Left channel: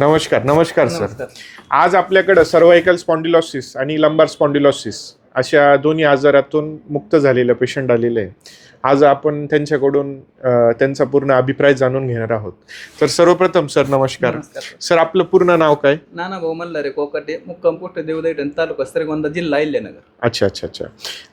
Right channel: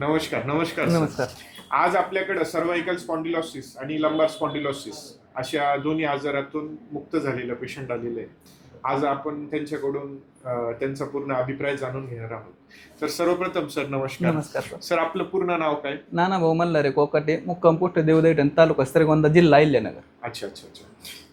नमस्कार नमस्कार सर. आज आपल्याकडं सर्वायकल स्पॉन्डिलॉसिस आणि लंबार स्पॉन्डिलॉसिस अशा दोन्ही आजारातून मुक्त झालेलं पेशंट आलेलं आहे आज आपण त्यांच्याकडून त्यांचा पूर्ण अभिप्राय जाणून घेणार आहोत. तर सर्वप्रथम सर नमस्कार. सर. आपलं पूर्ण नाव काय? नाना भाऊ मल्हारे कोकाटे मुक्काम पोस्ट देवदैठण तालुका श्रीगोंदा जिल्हा अहिल्यानगर. अच्छा अच्छा अच्छा.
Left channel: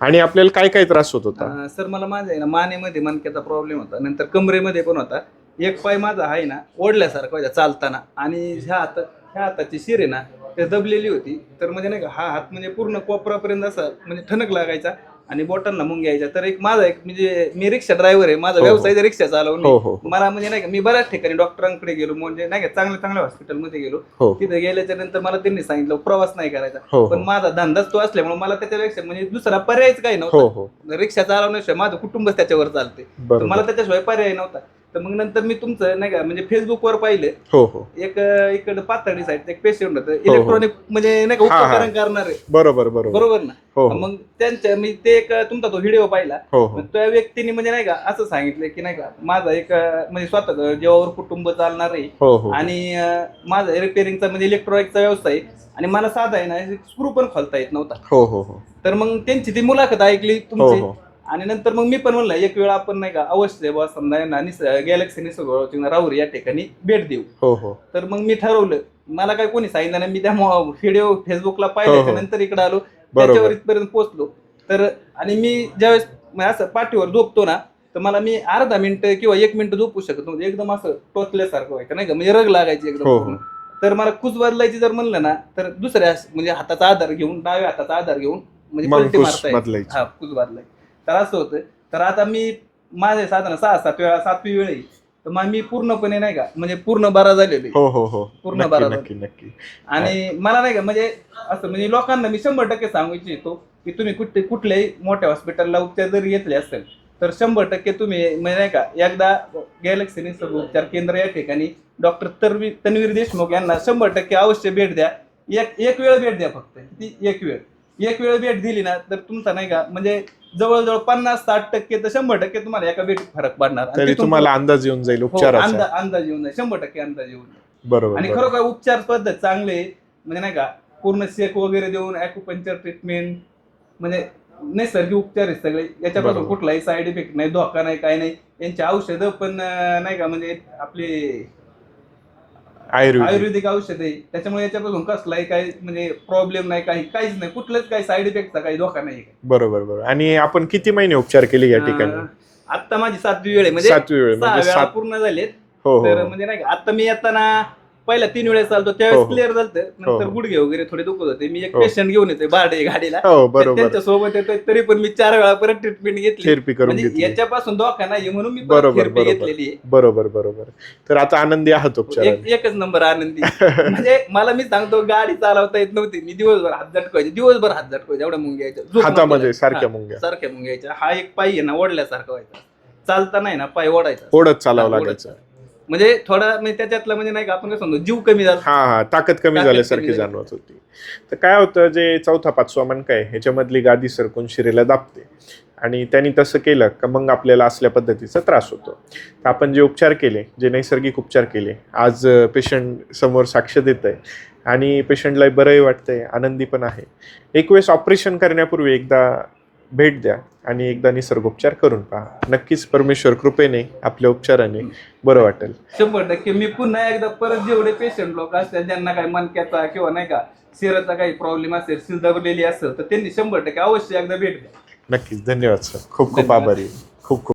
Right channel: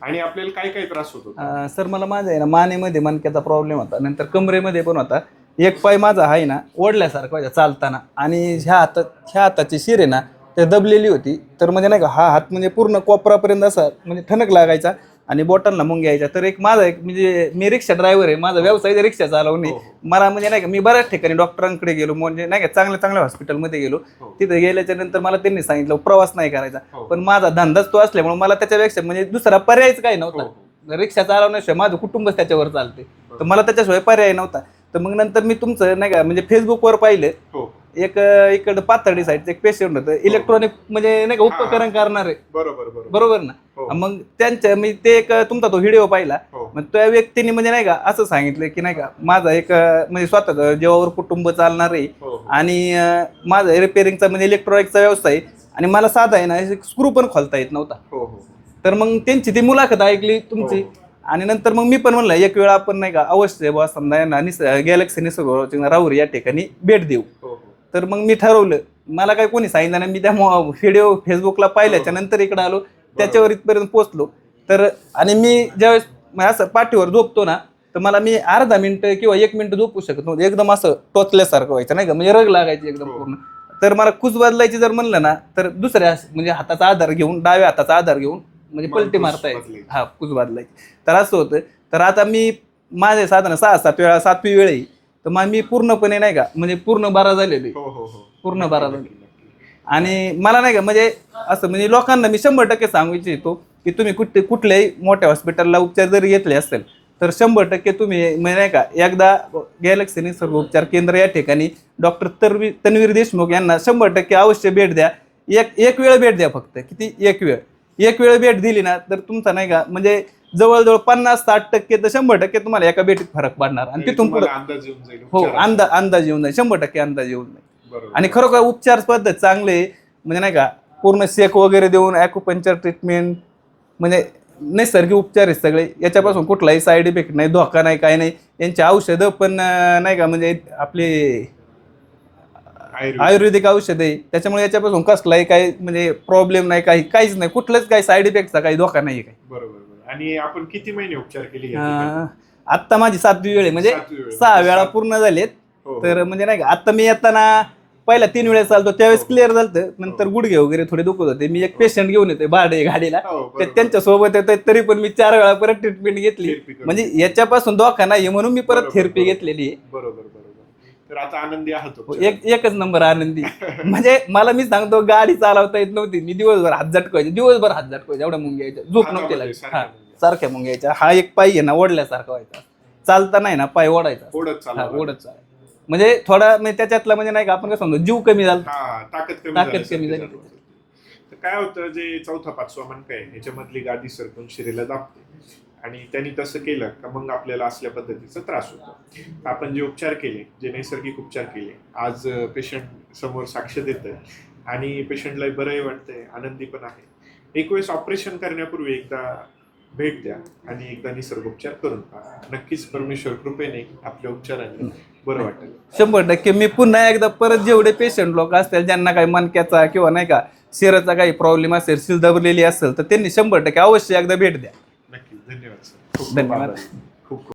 आणि आपल्याला काय काय त्रास होत होता? सर मला माझा आहे ना मानेमध्ये मणक्याचा प्रॉब्लेम होता. नंतर कमरेमध्ये पण होता. एक पाय माझा आहे ना ओढल्यासारखं व्हायचा चालताना. आणि ह्या हातात ह्या हाताची शिर आहे ना ते दबलेली होती. तर म्हणजे नाही का हा हात म्हणजे पूर्ण कोपरापर्यंत असा म्हणजे ठणक लागायचा आणि बोटांना मुंग यायच्या. तर एक माझा एक म्हणजे मी रिक्षा ड्रायव्हर आहे माझा हो. व्यवसाय आहे रिक्षा चालवणे हो, हो. मला म्हणजे नाही का मी बऱ्याच ठिकाणी डॉक्टरांकडे गेलो म्हणजे नाही का चांगल्या चांगल्या हॉस्पिटलमध्ये गेलो. हो. तिथे गेल्याच्यानंतर मला त्यांनी सांगितलं प्रवास नाही करायचा. हो पण हो माझा धंदाच तो असल्यामुळे मला त्याच्यापेक्षा म्हणजे दुसरा पर्यायच काही हो नव्हता. हो. रिक्षा चालवण्याशिवाय माझं कुटुंबच त्याच्यावर चालते तर बरोबर मला त्याच्याशिवाय पर्याय नव्हता. तर मग नंतर मी तुमचं नाही का म्हणजे फेसबुकवर पाहिले. हो हो. एक इकडं पातळी साईडचं एक पेशंट होतं. इलेक्ट्रॉनिक म्हणजे नाही का हा, हा. उपकरण करणारे. बरोबर बरोबर. बरोबर ना? हो हो. मग त्यांचं मी ते एक तुमचा तो व्हिडिओ पाहिला. हो हो. मग त्या व्यक्तीने म्हणजे नाही का असं सांगितलं की नाही का माझा एक म्हणजे स्वतः जेव्हावर कुटुंब चालणार आहे. हो हो. आणि अं, माझा रिपेअरिंगचा म्हणजे इलेक्ट्रॉनिकचा व्यवसाय आहे. आणि मला साधा आहे ना स्क्रू पण खोलता येत नव्हता. हो हो हो. तर मग त्यांची ती मुलाखत ऐकली हो तुमची. हो. आणि नंतर मग मी पण म्हणलं एक वेळा आपण नाही का अवश्य बुवा समजा यांना निस गॅलेक्सी निसर्ग राहुर या ठिकाणी भेट देऊ. हो हो. तर मग मी ठरवलं मला काय कोणी सांगितलं नाही मी त्या व्हिडिओ फेसबुकला पाहिल्याच्या हो, हो. नंतर इकडे आलो त्याच्यावर इथपर्यंत पोहोचलो. तर आणि मी ज्यावेळेस असं पाठीवर झोपतो ना तर मला मी अर्धा मिनिट किंवा एक मिनिट झोपू शकत नव्हतं. एकदम असं टोचल्यासारखं व्हायचं नाही का म्हणजे रग लागायची एकदम हो. तर मला कुच बदलायची जर म्हणलं ना तर दुसऱ्या म्हणजे हाताचा आधार घेऊन डाव्या हाताचा आधार घेऊन म्हणजे पलटी कुस मारता. हा कुच बदलायची. तर असं होतं. तर आता मी माझे साधारण सहा सात वेळा सातवी वेळ आहे. तर मग मी पूर्णपणे नाही का म्हणजे पूर्ण बारा झालेलो आहे. हो हो हो. पूर्ण नक्की, बरोबर. नक्की नक्की. आणि मला नाही का म्हणजे असं म्हणजे लोकांना मी शंभर टक्के सांगू इच्छितो की तुम्ही कुठे कुठल्याही मोठ्या हॉस्पिटलला उपचार जरी घेतले असेल तर शंभर टक्के तुम्ही म्हणजे नाही का एकदा गॅलेक्सी निसर्ग उपचार केंद्र या ठिकाणी डॉक्टर तरवी तन्वीर देशमुख यांना शंभर टक्के अवश्य भेट द्या. एक एक वेळ भेट द्या फक्त. किती? एक वेळ. एक वेळ भेट दिली ना तर तुमचा नाही का म्हणजे जवळजवळ पन्नास साठ टक्के तर शंभर टक्के तुम्हाला एका भेटीत फरक पडणार आणि तरी तिथून तुम्हाला अंदाज येऊन जाईल हो, उपचाराचा अंदाज अंदाज येऊन जाईल शंभर टक्के अंदाज येऊन जाईल बरोबर आणि. खरोखर उपचार पद्धत चांगले. म्हणजे नाही का पूर्ण शेक वगैरे देऊन ॲक्युपंक्चर ट्रीटमेंट म्हणजे नैसर्गिक उपचार आहेत सगळे याच्यापासून बरोबर. कुठलाही साईड इफेक्ट नाही धोका नाही काही नाही यांची औषधं पण अं, नाही का म्हणजे आपले आयुर्वेदिक औषध आहे. त्याच्यामुळे याच्यापासून कसलाही काही म्हणजे प्रॉब्लेम नाही काही काहीच नाही. कुठलंच काही साईड इफेक्टचा काही धोका नाही बरोबर बरोबर. आणि आपण किती महिने उपचार केले या ठिकाणी? अं, आत्ता माझी सातवी वेळ आहे. म्हणजे सातवी वेळ सहा म्हणजे वेळा सात- पूर्ण झालेत. हो हो तर म्हणजे नाही का आता मी येताना पहिला तीन वेळेस चालतो त्यावेळेस हो, हो. क्लिअर झालं नंतर हो. गुडघे वगैरे थोडे दुखत होते. मी एक हो. पेशंट घेऊन येते भाडे गाडीला. हो बरोबर. त्यांच्यासोबत येतात तरी पण मी चार वेळा परत ट्रीटमेंट घेतली. थेरपी करून म्हणजे घेतली. याच्यापासून धोका नाही म्हणून मी परत बरोबर, थेरपी बरोबर. घेतलेली आहे. बरोबर बरोबर. तर आता आनंदी आहात एक एकच नंबर आनंदी. म्हणजे मला मी सांगतो गाडी चालवता येत नव्हती. मी दिवसभर हात झटकायचे दिवसभर हात झटकायचे एवढ्या मुंग्याच्या झोप हातामध्ये नव्हती सारख्या. मुंग्या. हा, सारख्या मुंग्याच्या हा एक पाय आहे ना ओढल्यासारखा व्हायचा. चालता नाही ना पाय ओढायचा. ओढत चालावं हा, ओढत लागायचं. चालायचं. म्हणजे थोडा म्हणजे त्याच्यातला म्हणजे नाही का आपण म्हणतो जीव कमी झाला. हा हा ताकद कमी ताकद झाल्यासारखी कमी झाली. जाणवत होती. तर काय होतं जे चौथा पाचवा मणका आहे ह्याच्यामधली गादी सरकून शिरेला दाबते. आणि त्यांनी तसं केलं का मग आपल्याला असल्या पद्धतीचा त्रास होतो. तर आपण जे उपचार केले जे नैसर्गिक उपचार केले आज पेशंट समोर साक्ष देत आहे आणि पेशंटला बरंही वाटतंय आनंदी पण आहे. एक वेळेस ऑपरेशन करण्यापूर्वी एकदा भेट द्या आणि एकदा निसर्गोपचार करून पहा. नक्कीच परमेश्वर कृपेने आपल्या उपचाराने बरं वाटेल. शंभर टक्के. मी पुन्हा एकदा परत जेवढे पेशंट लोक असतील ज्यांना काही मणक्याचा किंवा नाही का शिराचा काही प्रॉब्लेम असेल शिल दबलेली असेल तर त्यांनी शंभर टक्के अवश्य एकदा भेट द्या. नक्कीच. धन्यवाद सर खूप खूप. आभारी. खूप खूप